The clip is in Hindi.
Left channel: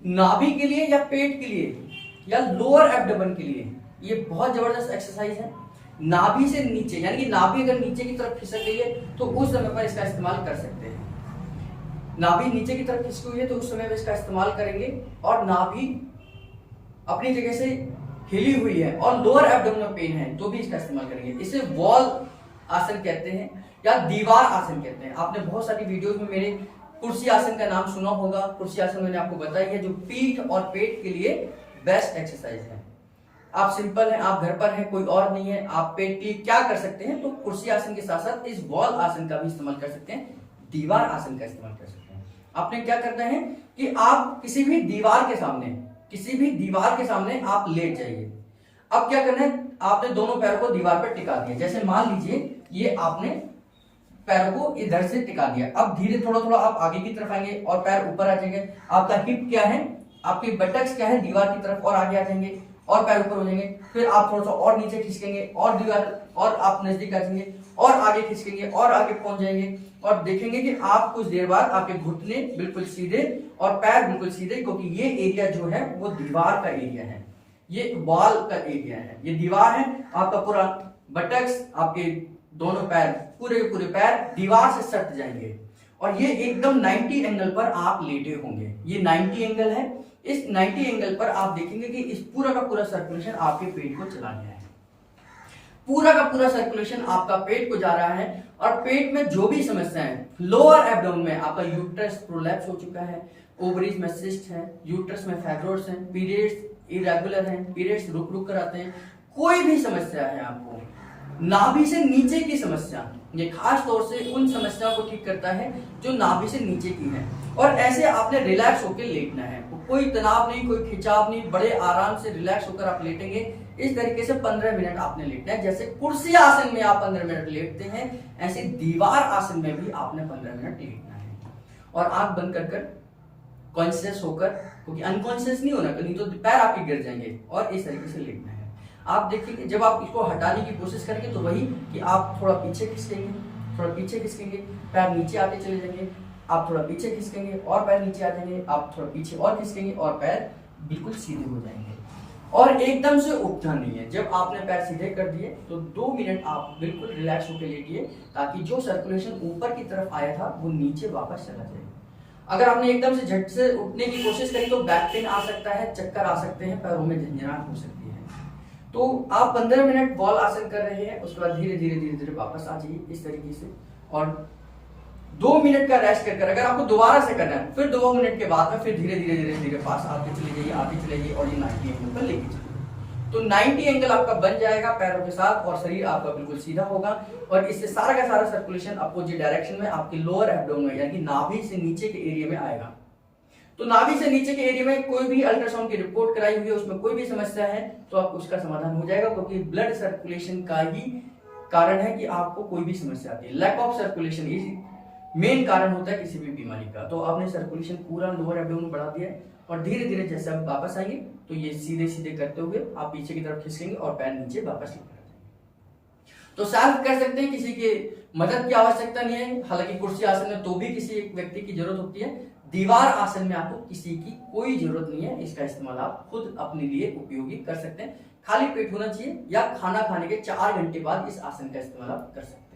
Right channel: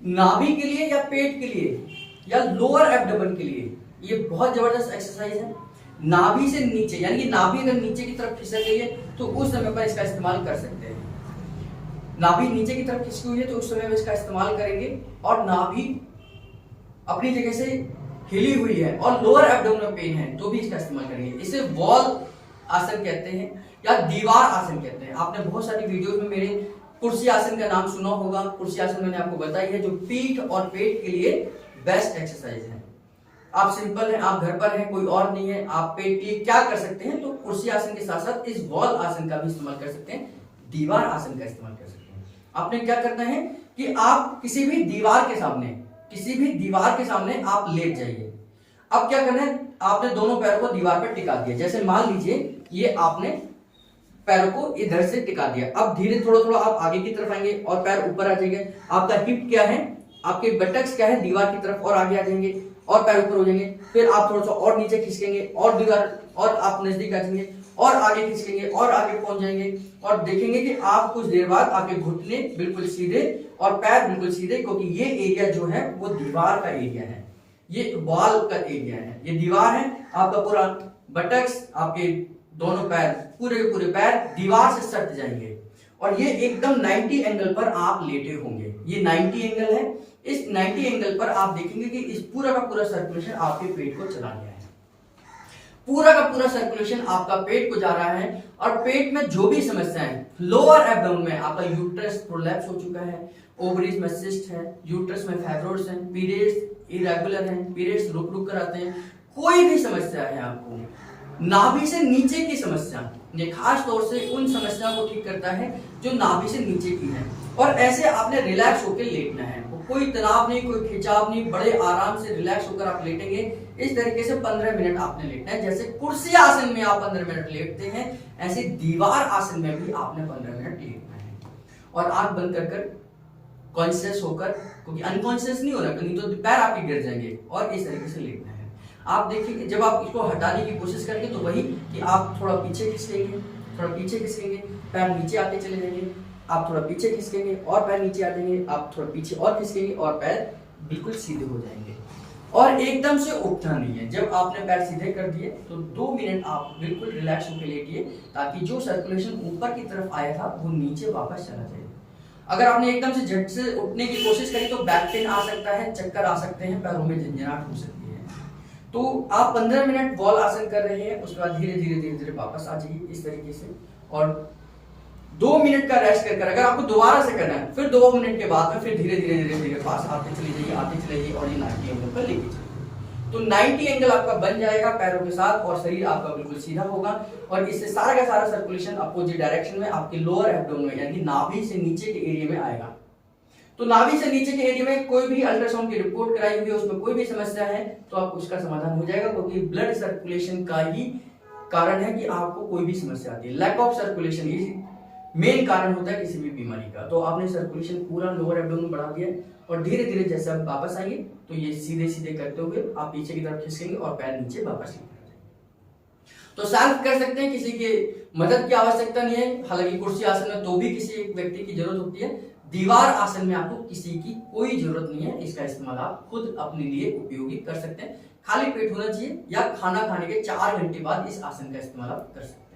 नाभि के लिए या पेट के लिए या लोअर एब्डोमेन के लिए ये बहुत जबरदस्त एक्सरसाइज है। नाभि से नीचे, यानी कि नाभि अगर नीचे की तरफ खिसक गई है तो उस समय पर इसका इस्तेमाल कर सकते हैं। नाभि नीचे की तरफ खिसकी हुई है तो उस समय में इसका इस्तेमाल करेंगे, और नाभि अपनी जगह से हिली हुई है और लोअर एब्डोमेन में पेन है तो भी इसका इस्तेमाल करेंगे। इसे वॉल आसन कहते हैं या दीवार आसन कहते हैं। आपने बहुत सारी वीडियोस में मेरे कुर्सी आसन का नाम सुना होगा। कुर्सी आसन मैंने आपको बताई है, जो पीठ और पेट के लिए बेस्ट एक्सरसाइज है। आप सिंपल हैं, आप घर पर हैं, कोई और नहीं है, आप पेट के लिए क्या कर सकते हैं, तो कुर्सी आसन के साथ साथ इस वॉल आसन का भी इस्तेमाल कर सकते हैं, दीवार आसन का इस्तेमाल कर सकते हैं। आपने क्या करना है कि आप किसी भी दीवार के सामने आप लेट जाइए। अब क्या करना है, आपने दोनों पैरों को दीवार पर टिका दिया। जैसे मान लीजिए ये आपने पैरों को इधर से टिका दिया। अब धीरे थोड़ा थोड़ा आप आगे की तरफ आएंगे और पैर ऊपर आ जाएंगे। आपका हिप क्या है, आपके बटक्स क्या है, दीवार की तरफ और आगे आ जाएंगे और पैर ऊपर हो जाएंगे। फिर आप थोड़ा सा और नीचे खिसकेंगे और दीवार और आप नजदीक आ जाएंगे और आगे खिसकेंगे और आगे पहुंच जाएंगे, और देखेंगे कि आप कुछ देर बाद आपके घुटने बिल्कुल सीधे और पैर बिल्कुल सीधे, क्योंकि ये एरिया जो है वो दीवार का एरिया है, ये वॉल का एरिया है, ये दीवार है। आपका पूरा बटक्स, आपके दोनों पैर, पूरे के पूरे पैर दीवार से सट जाएंगे और ये एकदम 90 एंगल पर आप लेटे होंगे। ये 90 एंगल है। इस 90 एंगल पर आप देखेंगे कि इस पूरा का पूरा सर्कुलेशन आपके पेट को चला गया है। पूरा का पूरा सर्कुलेशन आपका पेट को जा रहा है, और पेट में जो भी समस्या है, लोअर एब्डोमेन में आपका यूट्रस प्रोलैप्स हो चुका है, ओवरीज में सिस्ट है, यूट्रस में फाइब्रोइड्स हैं, पीरियड्स इरेगुलर हैं, पीरियड्स रुक रुक कर आते हैं, कोई भी समस्या है आपको, नाभि से नीचे की समस्या, ये खास तौर से उन समस्याओं को ठीक करता है जो नाभि से नीचे की है। और ऐसे आपने रिलैक्स होकर लेटना है, कोई तनाव नहीं, कोई खिंचाव नहीं, बड़े आराम से रिलैक्स होकर आप लेटेंगे। इस तरीके से 15 मिनट आपने लेटना है। जैसे कुर्सी आसन में आप 15 मिनट लेटते हैं, ऐसे दीवार आसन में भी आपने 15 मिनट लेटना है। और आंख बंद कर कर कॉन्शियस होकर, क्योंकि अनकॉन्शियस नहीं होना, नहीं तो पैर आपके गिर जाएंगे, और इस तरीके से लेटना है। आप देखिए जब आप इसको हटाने की कोशिश करेंगे तो वही कि आप थोड़ा पीछे खिसकेंगे, थोड़ा पीछे खिसकेंगे, पैर नीचे आते चले जाएंगे, आप थोड़ा पीछे खिसकेंगे और पैर नीचे आ जाएंगे, आप थोड़ा पीछे और खिसकेंगे और पैर बिल्कुल सीधे हो जाएंगे। और एकदम से उठना नहीं है। जब आपने पैर सीधे कर दिए तो 2 मिनट आप बिल्कुल रिलैक्स होकर लेटिए, ताकि जो सर्कुलेशन ऊपर की तरफ आया था वो नीचे वापस चला जाए। अगर आपने एकदम से झट से उठने की कोशिश करी तो बैक पेन आ सकता है, चक्कर आ सकते हैं, पैरों में झंझनाहट हो सकती है। तो आप 15 मिनट वॉल आसन कर रहे हैं, उसके बाद धीरे धीरे धीरे धीरे वापस आ जाइए इस तरीके से, और 2 मिनट का रेस्ट कर। अगर आपको दोबारा से करना है फिर 2 मिनट के बाद में फिर धीरे धीरे धीरे धीरे पास आते चले जाइए, आते चले जाइए, और ये 90 एंगल पर लेके चलिए। तो 90 एंगल आपका बन जाएगा पैरों के साथ, और शरीर आपका बिल्कुल सीधा होगा, और इससे सारा का सारा सर्कुलेशन अपोजिट डायरेक्शन में आपके लोअर एब्डोमेन यानी कि नाभि से नीचे के एरिया में आएगा। तो नाभि से नीचे के एरिया में कोई भी अल्ट्रासाउंड की रिपोर्ट कराई हुई है, उसमें कोई भी समस्या है तो आप उसका समाधान हो जाएगा, क्योंकि ब्लड सर्कुलेशन का ही कारण है कि आपको कोई भी समस्या आती है। लैक ऑफ सर्कुलेशन ये मेन कारण होता है किसी भी बीमारी का। तो आपने सर्कुलेशन पूरा लोअर एब्डोमेन बढ़ा दिया, और धीरे धीरे जैसे आप वापस आएंगे तो ये सीधे सीधे करते हुए आप पीछे की तरफ खिसकेंगे और पैर नीचे वापस लेकर आ जाएंगे। तो सेल्फ कर सकते हैं, किसी की मदद की आवश्यकता नहीं है। हालांकि कुर्सी आसन में तो भी किसी एक व्यक्ति की जरूरत होती है, दीवार आसन में आपको किसी की कोई जरूरत नहीं है। इसका इस्तेमाल आप खुद अपने लिए उपयोगी कर सकते हैं। खाली पेट होना चाहिए, या खाना खाने के 4 घंटे बाद इस आसन का इस्तेमाल आप कर सकते हैं।